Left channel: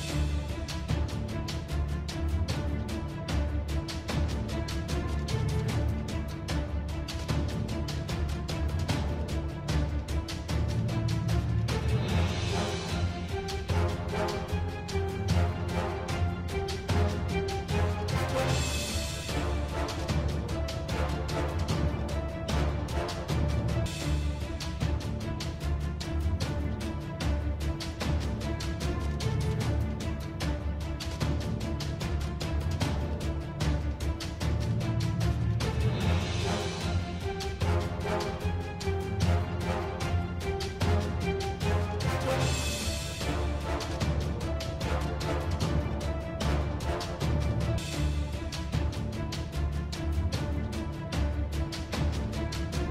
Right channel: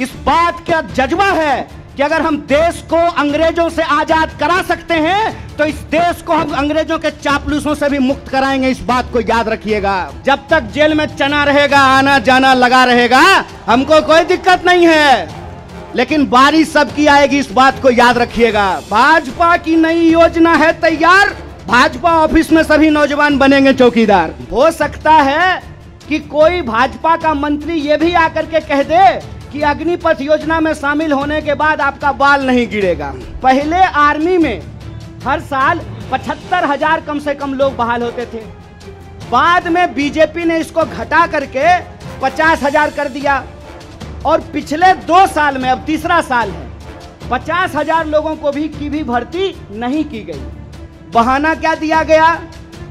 इस बात का जज्बा है कि अगर हम देश को अंग्रेजों से आजाद करा सकते हैं तो इस देश को हम अंग्रेजों के चापलूसों से भी मुक्त कराएंगे। इस बात को याद रखिएगा। जब तक जेल में चना रहेगा, आना जाना लगा रहेगा, हमको कोई दिक्कत नहीं है, लेकिन बारी सबकी आएगी, इस बात को याद रखिएगा। भाजपा की नई योजना है तैयार, भाजपा ऑफिस में सभी नौजवान बनेंगे चौकीदार। हो सकता है कि कोई भाजपा का मंत्री ये भी आकर के कह दे कि अग्निपथ योजना में शामिल होने के बाद आपका बाल नहीं गिरेगा। पहले आर्मी में हर साल 75,000 कम से कम लोग बहाल होते थे, बाद में बीजेपी ने इसको घटा करके 50,000 कर दिया, और पिछले 2 साल में, अब तीसरा साल है, 50,000 लोगों को भी भर्ती नहीं की गई। बहाना क्या दिया गया?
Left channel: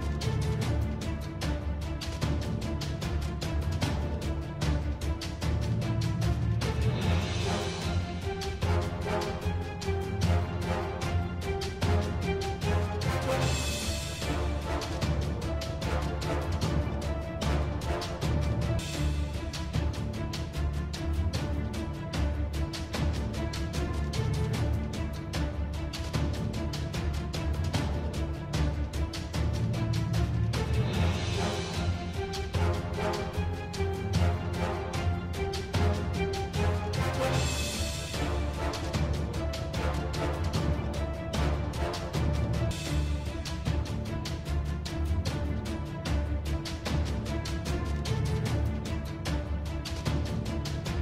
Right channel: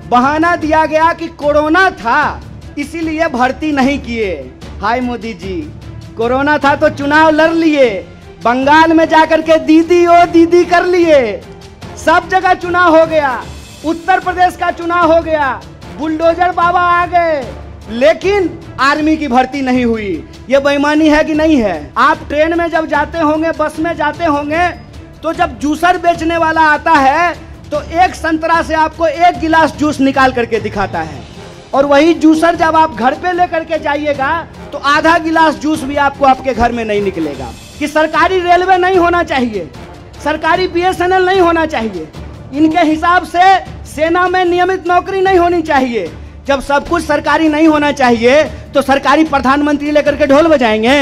बहाना दिया गया कि कोरोना था इसीलिए भर्ती नहीं किए। हाय मोदी जी, कोरोना था तो चुनाव लड़ लिए, बंगाल में जाकर के दीदी ओ दीदी कर लिए, सब जगह चुनाव हो गया, उत्तर प्रदेश का चुनाव हो गया, बुलडोजर बाबा आ गए, लेकिन आर्मी की भर्ती नहीं हुई। ये बेईमानी है कि नहीं है? आप ट्रेन में जब जाते होंगे, बस में जाते होंगे, तो जब जूसर बेचने वाला आता है तो एक संतरा से आपको 1 गिलास जूस निकाल करके दिखाता है, और वही जूसर जब आप घर पे लेकर के जाइएगा तो आधा गिलास जूस भी आपको आपके घर में नहीं निकलेगा। कि सरकारी रेलवे नहीं होना चाहिए, सरकारी BSNL नहीं होना चाहिए, इनके हिसाब से सेना में नियमित नौकरी नहीं होनी चाहिए। जब सब कुछ सरकारी नहीं होना चाहिए तो सरकारी प्रधानमंत्री लेकर के ढोल बजाएंगे?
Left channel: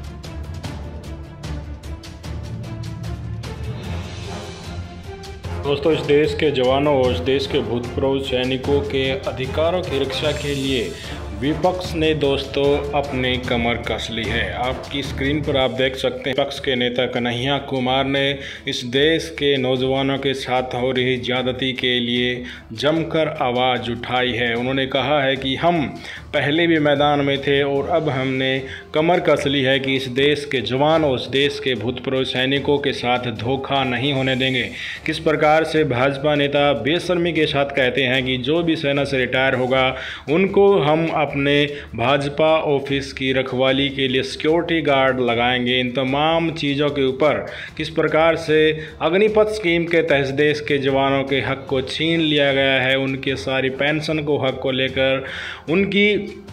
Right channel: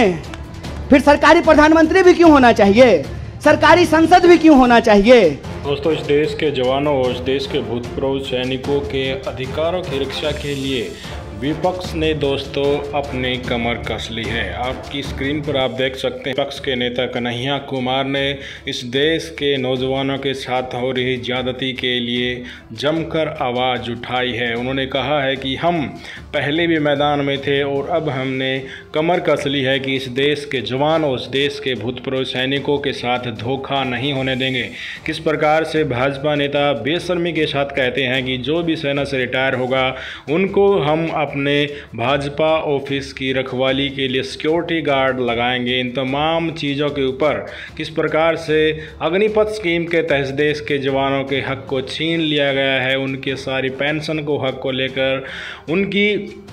फिर सरकारी प्रधानमंत्री भी क्यों होना चाहिए? सरकारी संसद भी क्यों होना चाहिए? दोस्तों, इस देश के जवानों और इस देश के भूतपूर्व सैनिकों के अधिकारों की रक्षा के लिए विपक्ष ने दोस्तों अपनी कमर कस ली है। आपकी स्क्रीन पर आप देख सकते हैं, विपक्ष के नेता कन्हैया कुमार ने इस देश के नौजवानों के साथ हो रही ज्यादती के लिए जमकर आवाज़ उठाई है। उन्होंने कहा है कि हम पहले भी मैदान में थे और अब हमने कमर कस ली है कि इस देश के जवान और इस देश के भूतपूर्व सैनिकों के साथ धोखा नहीं होने देंगे। किस प्रकार से भाजपा नेता बेशर्मी के साथ कहते हैं कि जो भी सेना से रिटायर होगा उनको हम अपने भाजपा ऑफिस की रखवाली के लिए सिक्योरिटी गार्ड लगाएंगे। इन तमाम चीज़ों के ऊपर किस प्रकार से अग्निपथ स्कीम के तहत देश के जवानों के हक को छीन लिया गया है, उनके सारी पेंशन को हक को लेकर, उनकी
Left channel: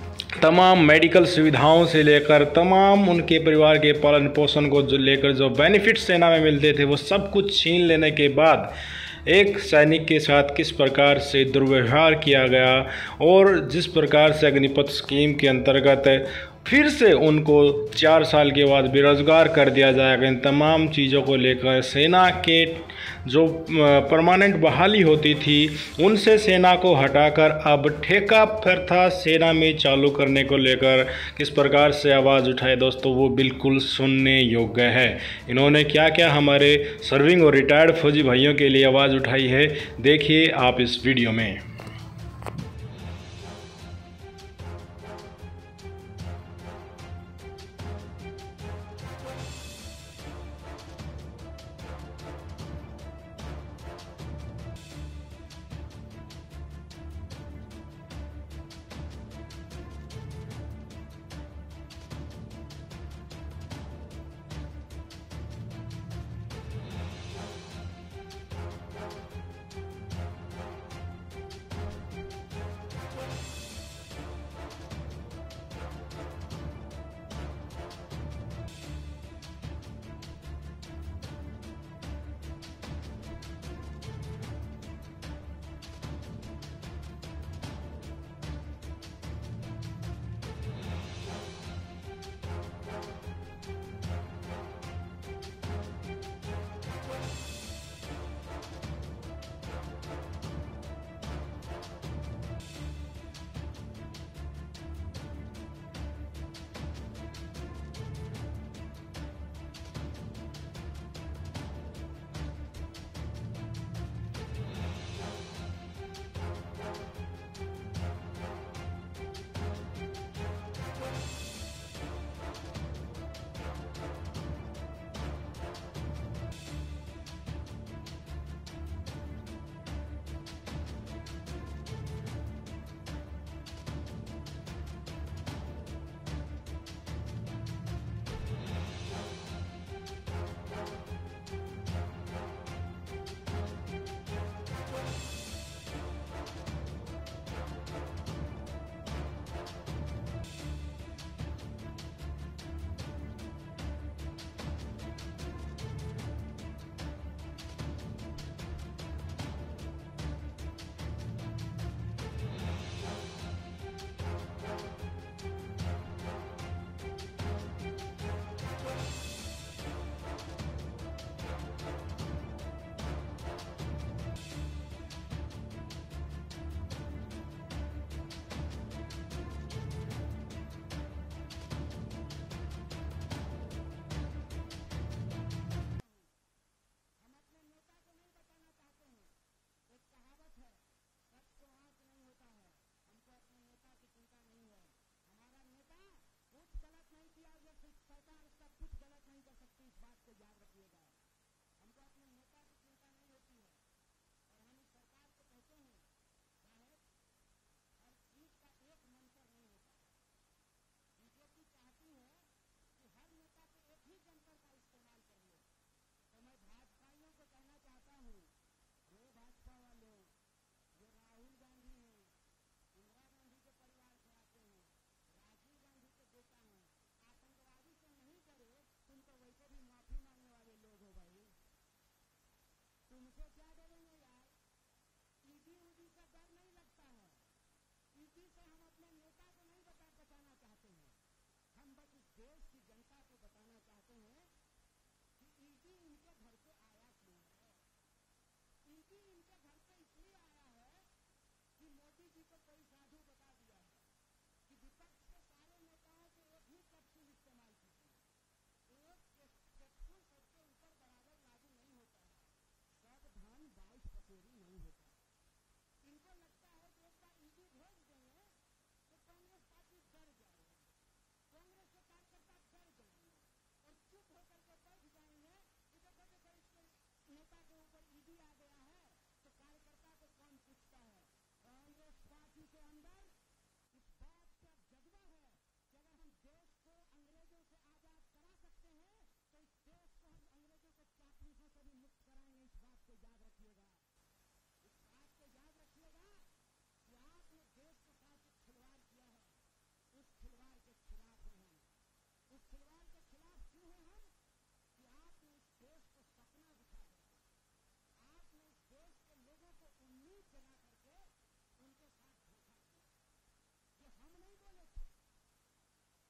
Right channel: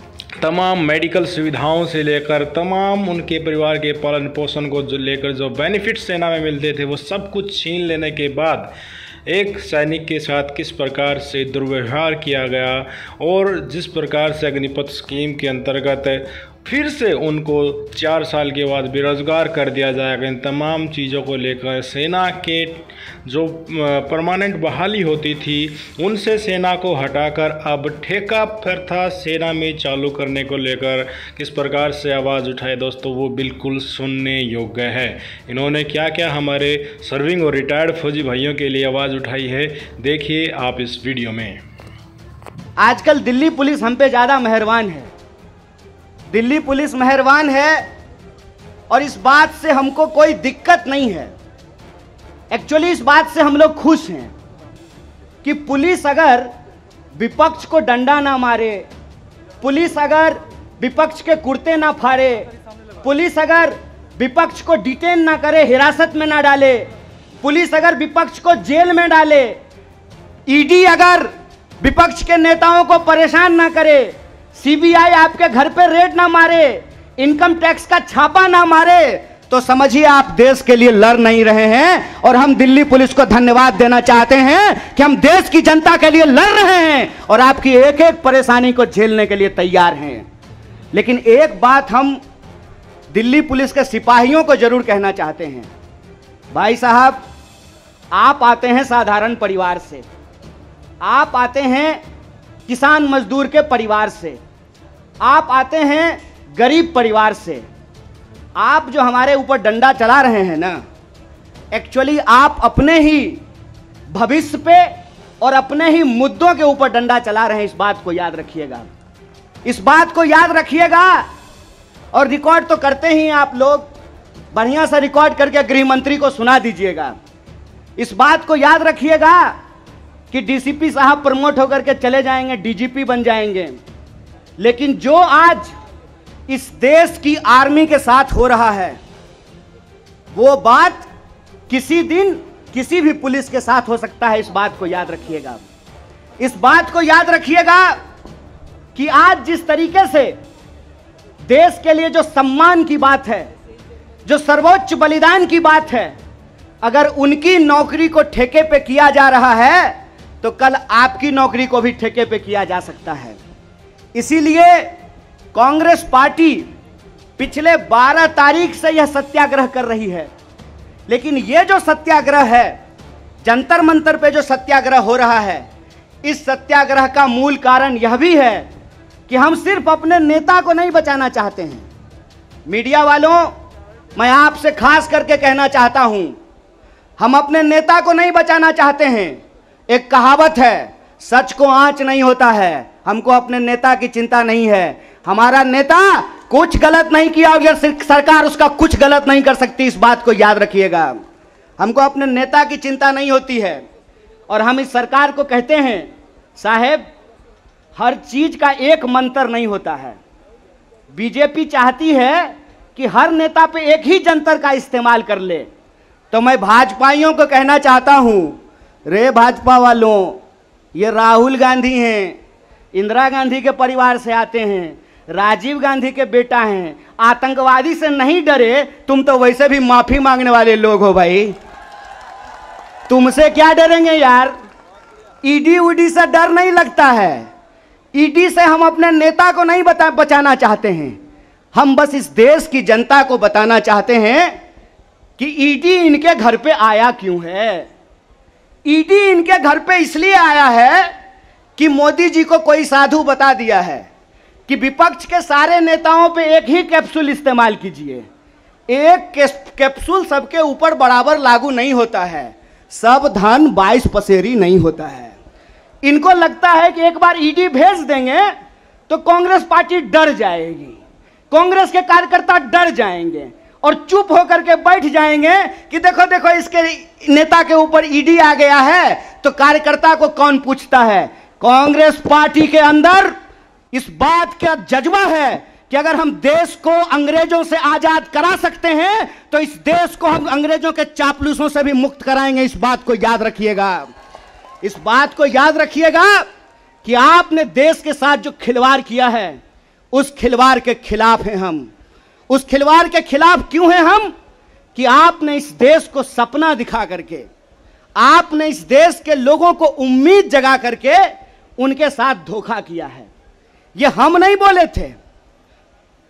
तमाम मेडिकल सुविधाओं से लेकर तमाम उनके परिवार के पालन पोषण को जो लेकर जो बेनिफिट सेना में मिलते थे वो सब कुछ छीन लेने के बाद एक सैनिक के साथ किस प्रकार से दुर्व्यवहार किया गया और जिस प्रकार से अग्निपथ स्कीम के अंतर्गत फिर से उनको 4 साल के बाद बेरोजगार कर दिया जाएगा। इन तमाम चीज़ों को लेकर सेना के जो परमानेंट बहाली होती थी उनसे सेना को हटाकर अब ठेका प्रथा सेना में चालू करने को लेकर किस प्रकार से आवाज़ उठाए दोस्तों, वो बिल्कुल सुनने योग्य है। इन्होंने क्या क्या हमारे सर्विंग और रिटायर्ड फौजी भाइयों के लिए आवाज़ उठाई है, देखिए आप इस वीडियो में। आजकल दिल्ली पुलिस हम पे ज़्यादा मेहरबान है, दिल्ली पुलिस मेहरबान है, और इस बात से हमको कोई दिक्कत नहीं है। एक्चुअली इस बात से हम लोग खुश हैं कि पुलिस अगर विपक्ष को डंडा ना मारे, पुलिस अगर विपक्ष के कुर्ते ना फाड़े, पुलिस अगर विपक्ष को डिटेन ना करे, हिरासत में ना डाले, पुलिस अगर विपक्ष को जेल में डाले, ईडी अगर विपक्ष के नेताओं को परेशान ना करे, सीबीआई आपके घर पे रेड ना मारे, इनकम टैक्स का छापा ना मारे, तो समझिए आप देश के लिए लड़ नहीं रहे हैं। और हम दिल्ली पुलिस को धन्यवाद देना चाहते हैं कि हम देश की जनता के लिए लड़ रहे हैं और आपकी एक एक परेशानी को झेलने के लिए तैयार हैं। लेकिन एक बात हम दिल्ली पुलिस के सिपाहियों को जरूर कहना चाहते हैं, भाई साहब, आप आते हैं साधारण परिवार से, आप आते हैं किसान मजदूर के परिवार से, आप आते हैं गरीब परिवार से। आप जो हमारे ऊपर डंडा चला रहे हैं ना, एक्चुअली आप अपने ही भविष्य पे और अपने ही मुद्दों के ऊपर डंडा चला रहे हैं। इस बात को याद रखिएगा, इस बात को याद रखिएगा। और रिकॉर्ड तो करते ही आप लोग, बढ़िया सा रिकॉर्ड करके गृह मंत्री को सुना दीजिएगा। इस बात को याद रखिएगा कि डीसीपी साहब प्रमोट होकर के चले जाएंगे, डीजीपी बन जाएंगे, लेकिन जो आज इस देश की आर्मी के साथ हो रहा है, वो बात किसी दिन किसी भी पुलिस के साथ हो सकता है। इस बात को याद रखिएगा। इस बात को याद रखिएगा कि आज जिस तरीके से देश के लिए जो सम्मान की बात है, जो सर्वोच्च बलिदान की बात है, अगर उनकी नौकरी को ठेके पे किया जा रहा है तो कल आपकी नौकरी को भी ठेके पे किया जा सकता है। इसीलिए कांग्रेस पार्टी पिछले 12 तारीख से यह सत्याग्रह कर रही है। लेकिन यह जो सत्याग्रह है, जंतर मंतर पे जो सत्याग्रह हो रहा है, इस सत्याग्रह का मूल कारण यह भी है कि हम सिर्फ अपने नेता को नहीं बचाना चाहते हैं। मीडिया वालों, मैं आपसे खास करके कहना चाहता हूं, हम अपने नेता को नहीं बचाना चाहते हैं। एक कहावत है, सच को आंच नहीं होता है। हमको अपने नेता की चिंता नहीं है। हमारा नेता कुछ गलत नहीं किया और सरकार उसका कुछ गलत नहीं कर सकती। इस बात को याद रखिएगा। हमको अपने नेता की चिंता नहीं होती है। और हम इस सरकार को कहते हैं, साहेब, हर चीज का एक मंत्र नहीं होता है। बीजेपी चाहती है कि हर नेता पे एक ही जंतर का इस्तेमाल कर ले। तो मैं भाजपाइयों को कहना चाहता हूं, रे भाजपा वालों, ये राहुल गांधी हैं, इंदिरा गांधी के परिवार से आते हैं, राजीव गांधी के बेटा हैं, आतंकवादी से नहीं डरे। तुम तो वैसे भी माफी मांगने वाले लोग हो भाई, तुमसे क्या डरेंगे यार। ईडी उडी से डर नहीं लगता है। ईडी से हम अपने नेता को नहीं बचाना चाहते हैं। हम बस इस देश की जनता को बताना चाहते हैं कि ईडी इनके घर पे आया क्यों है। ईडी इनके घर पे इसलिए आया है कि मोदी जी को कोई साधु बता दिया है कि विपक्ष के सारे नेताओं पे एक ही कैप्सूल इस्तेमाल कीजिए। एक कैप्सूल सबके ऊपर बराबर लागू नहीं होता है। सब धन 22 पसेरी नहीं होता है। इनको लगता है कि एक बार ईडी भेज देंगे तो कांग्रेस पार्टी डर जाएगी, कांग्रेस के कार्यकर्ता डर जाएंगे और चुप होकर के बैठ जाएंगे कि देखो देखो इसके नेता के ऊपर ईडी आ गया है तो कार्यकर्ता को कौन पूछता है। कांग्रेस पार्टी के अंदर इस बात का जज्बा है कि अगर हम देश को अंग्रेजों से आजाद करा सकते हैं तो इस देश को हम अंग्रेजों के चापलूसों से भी मुक्त कराएंगे। इस बात को याद रखिएगा। इस बात को याद रखिएगा कि आपने देश के साथ जो खिलवाड़ किया है उस खिलवाड़ के खिलाफ हैं हम। उस खिलवाड़ के खिलाफ क्यों हैं हम? कि आपने इस देश को सपना दिखा करके, आपने इस देश के लोगों को उम्मीद जगा करके उनके साथ धोखा किया है। ये हम नहीं बोले थे,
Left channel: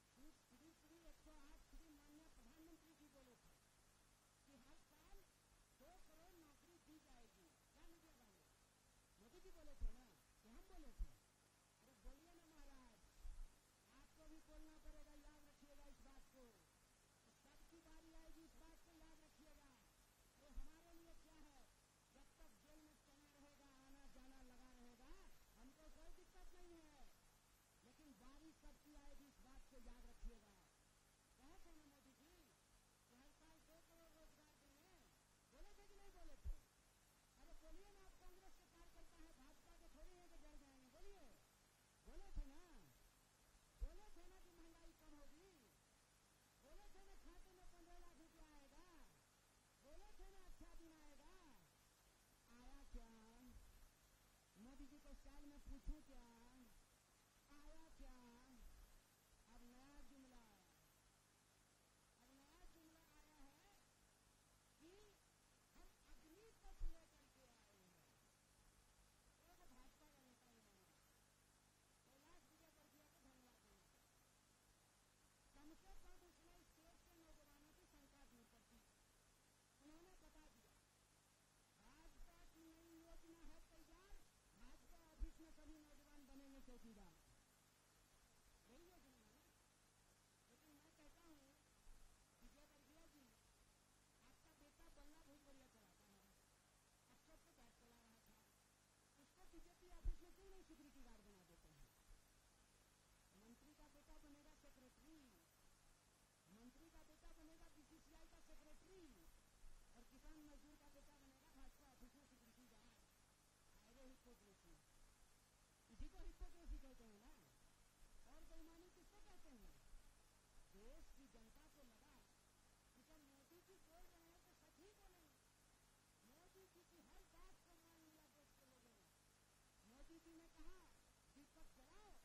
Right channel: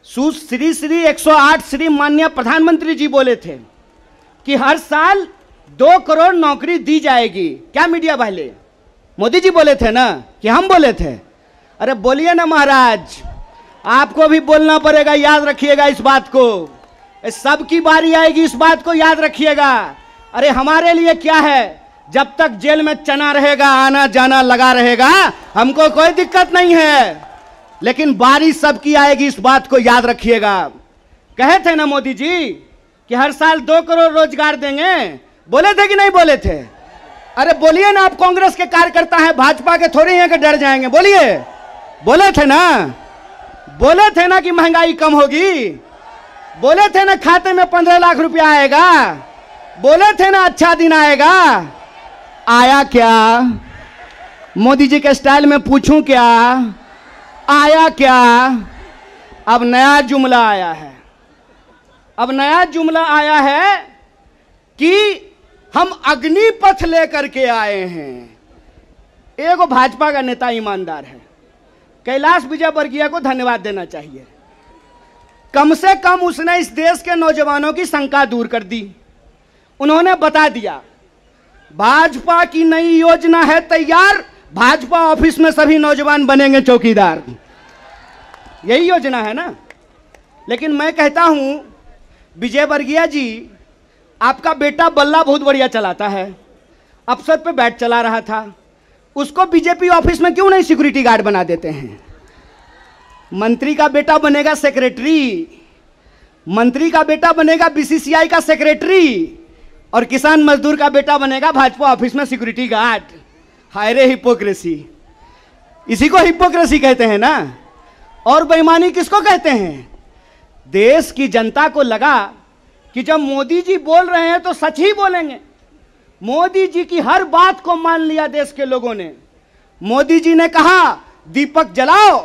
श्री 108 श्री माननीय प्रधानमंत्री जी बोले थे कि हर साल 2 करोड़ नौकरी दी जाएगी। क्या मीडिया वाले? मोदी जी बोले थे ना कि हम बोले थे? अरे बोलिए ना महाराज, आपको भी बोलना पड़ेगा। याद रखिएगा इस बात को, सबकी बारी आएगी, इस बात को याद रखिएगा। अरे हमारे लिए क्या है, जब तक जेल में चना रहेगा, आना जाना लगा रहेगा, हमको कोई दिक्कत नहीं है। लेकिन बारी सबकी आएगी, इस बात को याद रखिएगा। कहे थे ना मोदी जी कि हर साल 2 करोड़ रोजगार देंगे, बोले थे कि नहीं बोले थे? अरे बोलिए ना, आप कांग्रेस के कार्यकर्ता हैं, भाजपा के थोड़ी हैं कि डर जाएंगे। बोलिए, बोले थे ना? बोले थे ना कि महंगाई कम होगी? बोले थे ना खाते में 15 लाख रुपया आएगा? बोले थे ना अच्छा दिन आएगा? आया क्या? मोदी जी के स्टाइल में पूछूं क्या, आया क्या? अब नया जुमला आया है। अब नया जुमला आया है कि हम अग्निपथ लेकर के आए हैं। एगो भाजपा का नेता ईमानदार है, कैलाश विजयवर्गीय को धन्यवाद देना चाहिए। कम से कम उसने इस देश के नौजवानों की शंका दूर कर दी। उन्होंने बता दिया भाजपा की नई योजना है तैयार, भाजपा ऑफिस में सभी नौजवान बनेंगे चौकीदार। यही योजना है ना। लेकिन मैं कहता हूं विजयवर्गीय जी, आपका बेटा बल्ला बहुत बढ़िया चलाता है, अफसर पे बैठ चला रहा था, उसको बीजेपी ऑफिस में क्यों नहीं सिक्योरिटी गार्ड बना देते हैं? मंत्री का बेटा बनेगा सेक्रेटरी, मंत्री का बेटा बनेगा बीसीसीआई का सेक्रेटरी, और किसान मजदूर का बेटा बनेगा भाजपा ऑफिस में सिक्योरिटी गार्ड। हाय रे हिपोक्रेसी, इसी को हिपोक्रेसी कहते हैं ना। और बेईमानी किसको कहते हैं? देश की जनता को लगा कि जब मोदी जी बोल रहे हैं तो सच ही बोलेंगे। मोदी जी की हर बात को मान लिया देश के लोगों ने। मोदी जी ने कहा दीपक जलाओ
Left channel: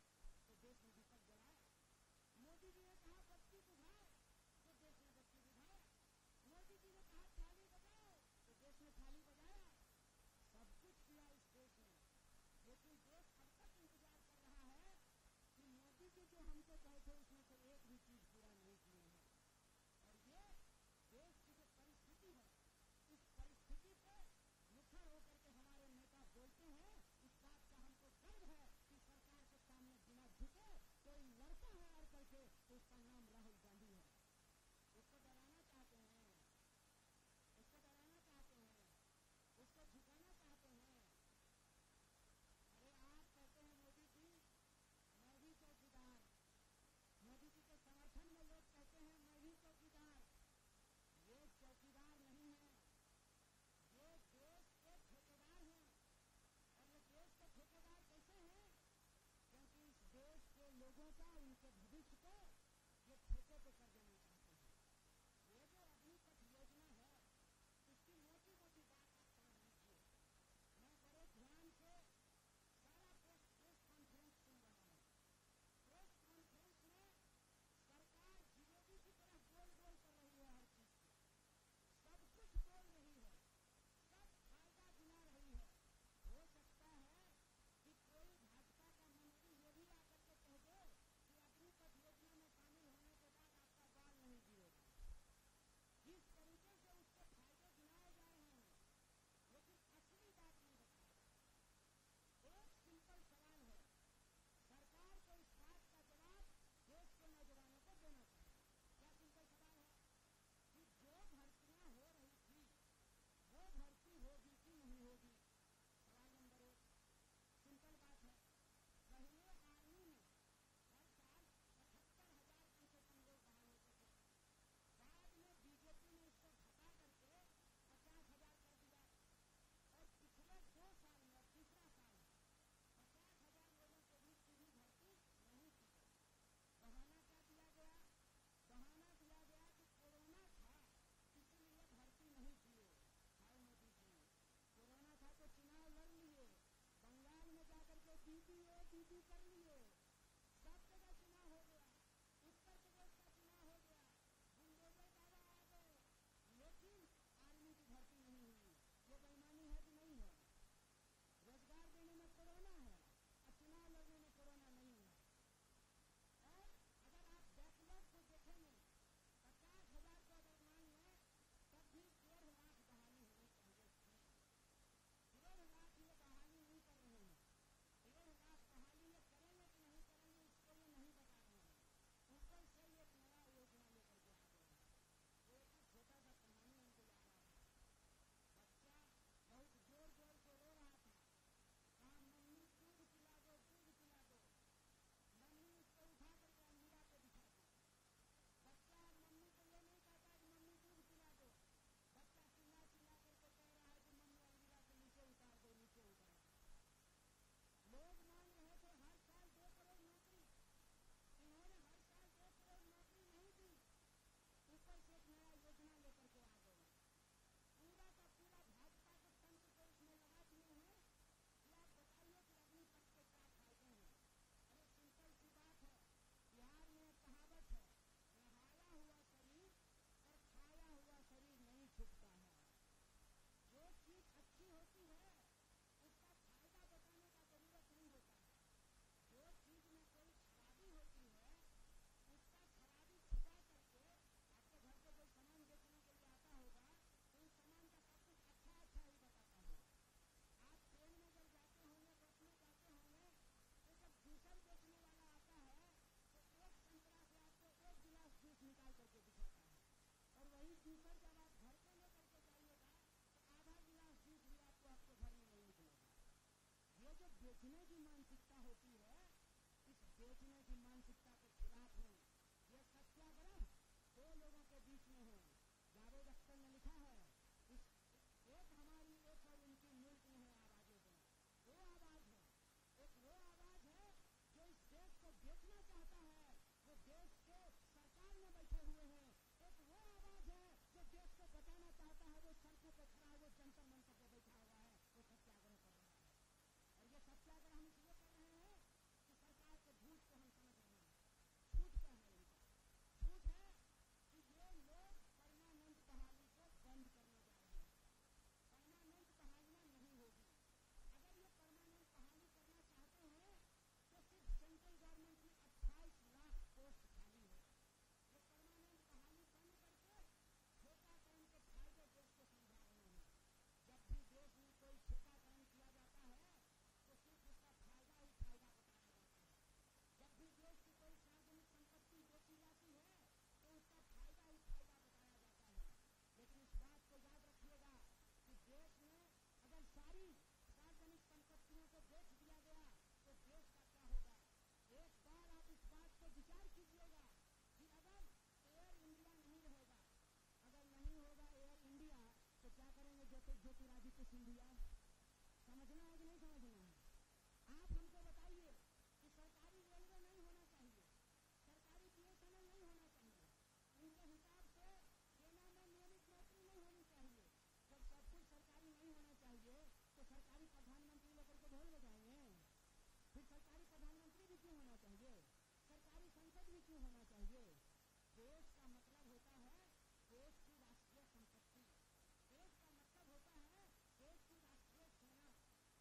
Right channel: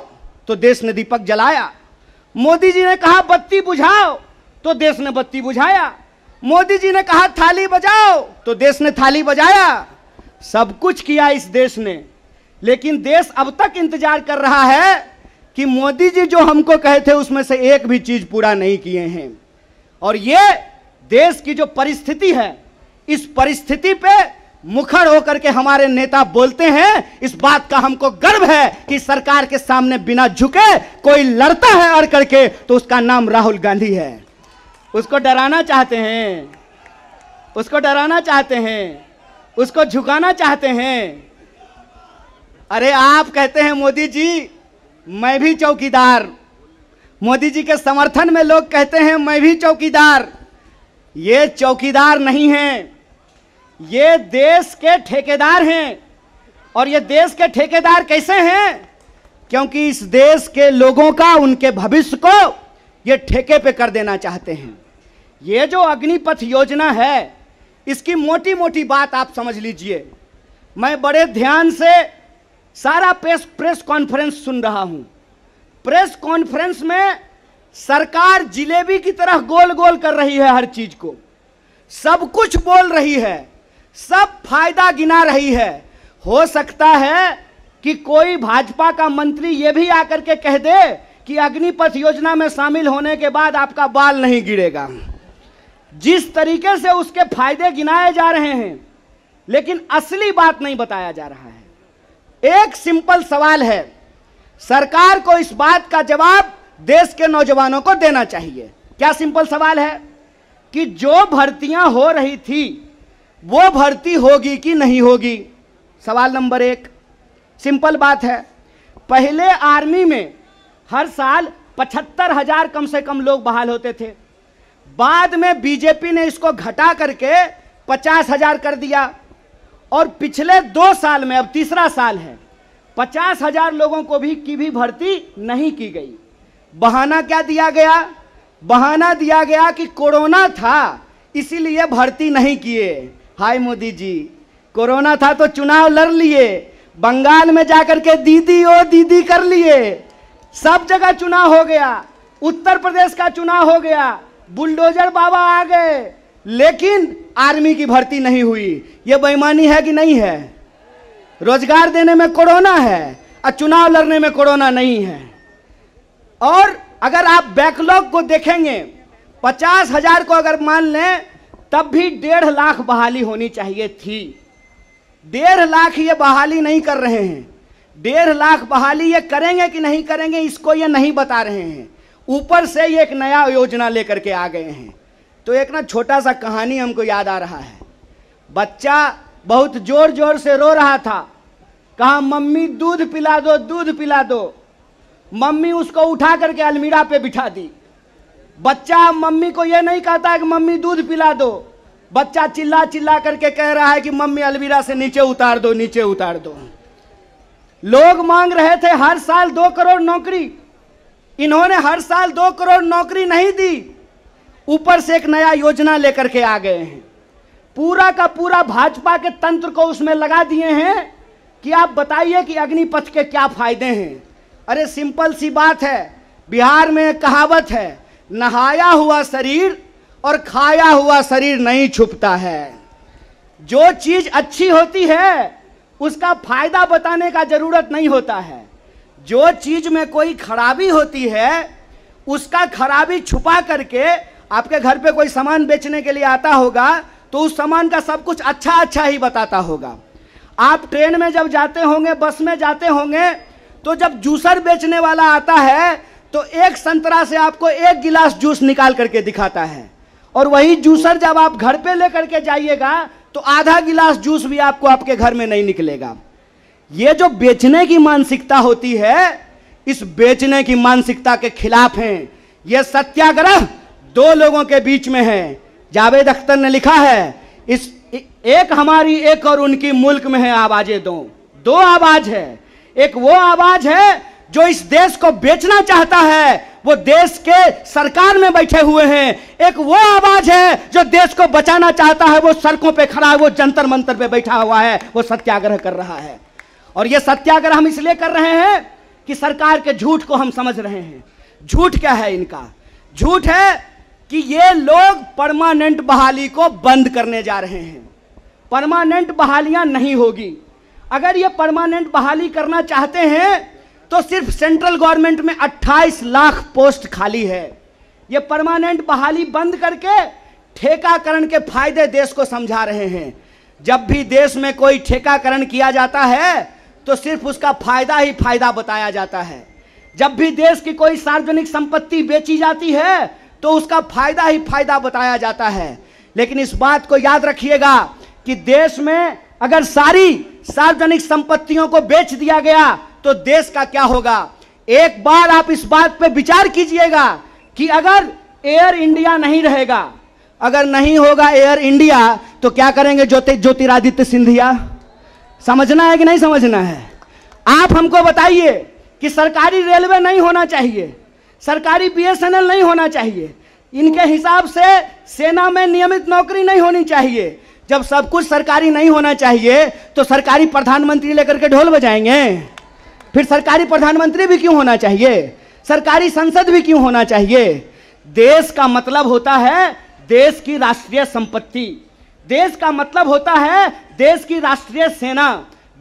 तो देश ने दीपक जलाया। मोदी जी ने कहा बत्ती बुझाओ तो देश ने बत्ती बुझाया। मोदी जी ने कहा थाली बजाओ तो देश ने थाली बजाया। सब कुछ किया इस देश ने, लेकिन देश अब तक इंतजार कर रहा है कि मोदी जी जो हमको कहे थे उसमें से एक भी चीज पूरा नहीं किए हैं। और ये देश की जो परिस्थिति है, इस परिस्थिति पे मुखर होकर के हमारे नेता बोलते हैं। इस बात का हमको गर्व है कि सरकार के सामने बिना झुके कोई लड़ता है अड़ करके तो उसका नाम राहुल गांधी है। उसको डराना चाहते हैं, उसको डराना चाहते हैं, उसको झुकाना चाहते हैं। अरे आप कहते हैं मोदी जी मैं भी चौकीदार, मोदी जी के समर्थन में लोग कहते हैं मैं भी चौकीदार। ये चौकीदार नहीं हैं, ये देश के ठेकेदार हैं। और ये देश के ठेकेदार कैसे हैं? क्योंकि इस देश के लोगों का, उनके भविष्य को ये ठेके पे कर देना चाहते हैं। ये जो अग्निपथ योजना है, इसकी मोटी मोटी बात आप समझ लीजिए। मैं बड़े ध्यान से सारा प्रेस कॉन्फ्रेंस सुन रहा हूं। प्रेस कॉन्फ्रेंस में सरकार जिलेबी की तरह गोल गोल कर रही है, हर चीज को सब कुछ बोल रही है, सब फायदा गिना रही है। हो सकता है कि कोई भाजपा का मंत्री यह भी आकर के कह दे कि अग्निपथ योजना में शामिल होने के बाद आपका बाल नहीं गिरेगा। जिस तरीके से उसके फायदे गिनाए जा रहे हैं, लेकिन असली बात नहीं बताया जा रहा है। एक सिंपल सवाल है, सरकार को इस बात का जवाब देश के नौजवानों को देना चाहिए। क्या सिंपल सवाल है कि जो भर्तियां हो रही थी वो भर्ती होगी कि नहीं होगी? सवाल नंबर एक। सिंपल बात है, पहले आर्मी में हर साल 75,000 कम से कम लोग बहाल होते थे। बाद में बीजेपी ने इसको घटा करके 50,000 कर दिया। और पिछले 2 साल में, अब तीसरा साल है, 50,000 लोगों को भी भर्ती नहीं की गई। बहाना क्या दिया गया? बहाना दिया गया कि कोरोना था इसीलिए भर्ती नहीं किए। हाय मोदी जी, कोरोना था तो चुनाव लड़ लिए, बंगाल में जाकर के दीदी ओ दीदी कर लिए, सब जगह चुनाव हो गया, उत्तर प्रदेश का चुनाव हो गया, बुलडोजर बाबा आ गए, लेकिन आर्मी की भर्ती नहीं हुई। यह बेईमानी है कि नहीं है? रोजगार देने में कोरोना है और चुनाव लड़ने में कोरोना नहीं है। और अगर आप बैकलॉग को देखेंगे, 50,000 को अगर मान लें तब भी 1.5 लाख बहाली होनी चाहिए थी। 1.5 लाख ये बहाली नहीं कर रहे हैं। 1.5 लाख बहाली ये करेंगे कि नहीं करेंगे इसको ये नहीं बता रहे हैं। ऊपर से ये एक नया योजना लेकर के आ गए हैं। तो एक ना छोटा सा कहानी हमको याद आ रहा है। बच्चा बहुत जोर जोर से रो रहा था, कहा मम्मी दूध पिला दो, दूध पिला दो। मम्मी उसको उठा करके अलमीरा पे बिठा दी। बच्चा मम्मी को यह नहीं कहता है कि मम्मी दूध पिला दो, बच्चा चिल्ला चिल्ला करके कह रहा है कि मम्मी अलमीरा से नीचे उतार दो, नीचे उतार दो। लोग मांग रहे थे हर साल 2 करोड़ नौकरी, इन्होंने हर साल 2 करोड़ नौकरी नहीं दी, ऊपर से एक नया योजना लेकर के आ गए हैं। पूरा का पूरा भाजपा के तंत्र को उसमें लगा दिए हैं कि आप बताइए कि अग्निपथ के क्या फायदे हैं। अरे सिंपल सी बात है, बिहार में एक कहावत है, नहाया हुआ शरीर और खाया हुआ शरीर नहीं छुपता है। जो चीज अच्छी होती है उसका फायदा बताने का जरूरत नहीं होता है। जो चीज में कोई खराबी होती है उसका खराबी छुपा करके, आपके घर पे कोई सामान बेचने के लिए आता होगा तो उस सामान का सब कुछ अच्छा अच्छा ही बताता होगा। आप ट्रेन में जब जाते होंगे, बस में जाते होंगे, तो जब जूसर बेचने वाला आता है तो एक संतरा से आपको 1 गिलास जूस निकाल करके दिखाता है, और वही जूसर जब आप घर पे लेकर के जाइएगा तो आधा गिलास जूस भी आपको आपके घर में नहीं निकलेगा। ये जो बेचने की मानसिकता होती है, इस बेचने की मानसिकता के खिलाफ हैं। यह सत्याग्रह 2 लोगों के बीच में है। जावेद अख्तर ने लिखा है, इस एक हमारी एक और उनकी मुल्क में है आवाजें दो आवाज है। एक वो आवाज है जो इस देश को बेचना चाहता है, वो देश के सरकार में बैठे हुए हैं। एक वो आवाज है जो देश को बचाना चाहता है, वो सड़कों पे खड़ा है, वो जंतर मंतर पे बैठा हुआ है, वो सत्याग्रह कर रहा है। और ये सत्याग्रह हम इसलिए कर रहे हैं कि सरकार के झूठ को हम समझ रहे हैं। झूठ क्या है इनका? झूठ है कि ये लोग परमानेंट बहाली को बंद करने जा रहे हैं। परमानेंट बहालियां नहीं होगी। अगर ये परमानेंट बहाली करना चाहते हैं तो सिर्फ सेंट्रल गवर्नमेंट में 28 लाख पोस्ट खाली है। ये परमानेंट बहाली बंद करके ठेकाकरण के फायदे देश को समझा रहे हैं। जब भी देश में कोई ठेकाकरण किया जाता है तो सिर्फ उसका फायदा ही फायदा बताया जाता है। जब भी देश की कोई सार्वजनिक संपत्ति बेची जाती है तो उसका फायदा ही फायदा बताया जाता है। लेकिन इस बात को याद रखिएगा कि देश में अगर सारी सार्वजनिक संपत्तियों को बेच दिया गया तो देश का क्या होगा? एक बार आप इस बात पे विचार कीजिएगा कि अगर एयर इंडिया नहीं रहेगा, अगर नहीं होगा एयर इंडिया, तो क्या करेंगे ज्योतिरादित्य सिंधिया? समझना है कि नहीं समझना है? आप हमको बताइए कि सरकारी रेलवे नहीं होना चाहिए, सरकारी बीएसएनएल नहीं होना चाहिए, इनके हिसाब से सेना में नियमित नौकरी नहीं होनी चाहिए। जब सब कुछ सरकारी नहीं होना चाहिए तो सरकारी प्रधानमंत्री लेकर के ढोल बजाएंगे? फिर सरकारी प्रधानमंत्री भी क्यों होना चाहिए? सरकारी संसद भी क्यों होना चाहिए? देश का मतलब होता है देश की राष्ट्रीय संपत्ति, देश का मतलब होता है देश की राष्ट्रीय सेना,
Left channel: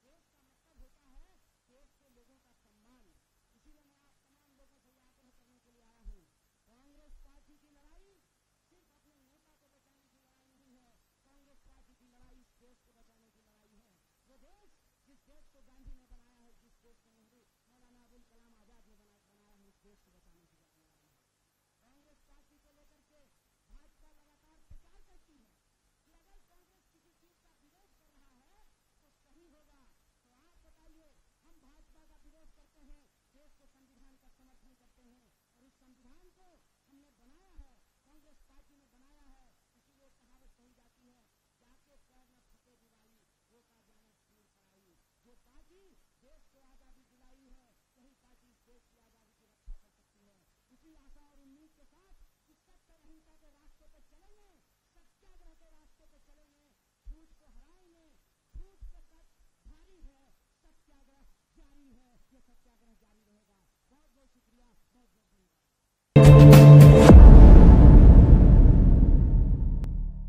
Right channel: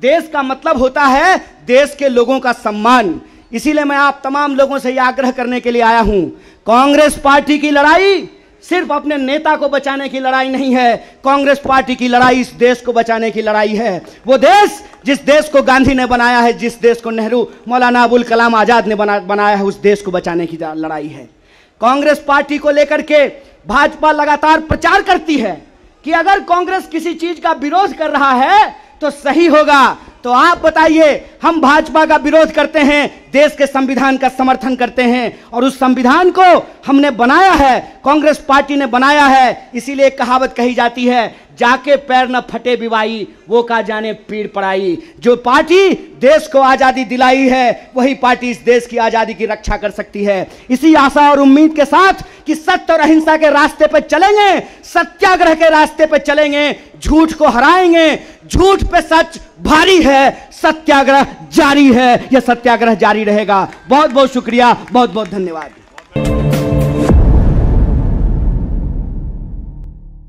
देश का मतलब होता है देश के लोगों का सम्मान। इसीलिए मैं आप तमाम लोगों से यह आग्रह करने के लिए आया हूं, कांग्रेस पार्टी की लड़ाई सिर्फ अपने नेता को बचाने की लड़ाई नहीं है। कांग्रेस पार्टी की लड़ाई इस देश को बचाने की लड़ाई है। वो देश जिस देश को गांधी ने बनाया है, जिस देश को नेहरू, मौलाना अबुल कलाम आजाद ने बनाया है, उस देश को बचाने की लड़ाई है। कांग्रेस पार्टी को लेकर के भाजपा लगातार प्रचार करती है कि अगर कांग्रेस किसी चीज का विरोध कर रहा है तो सही होगा। तो आप बताइए, हम भाजपा का विरोध करते हैं, देश के संविधान का समर्थन करते हैं, और उस संविधान को हमने बनाया है, कांग्रेस पार्टी ने बनाया है। इसीलिए एक कहावत कही जाती है, जाके पैर न फटे बिवाई, वो का जाने पीड़ पड़ाई। जो पार्टी देश को आजादी दिलाई है वही पार्टी इस देश की आजादी की रक्षा कर सकती है। इसी आशा और उम्मीद के साथ कि सत्य और अहिंसा के रास्ते पर चलेंगे, सत्याग्रह के रास्ते पर चलेंगे, झूठ को हराएंगे। झूठ पे सच भारी है, सत्याग्रह जारी है, यह सत्याग्रह जारी रहेगा। बहुत बहुत शुक्रिया, बहुत बहुत धन्यवाद।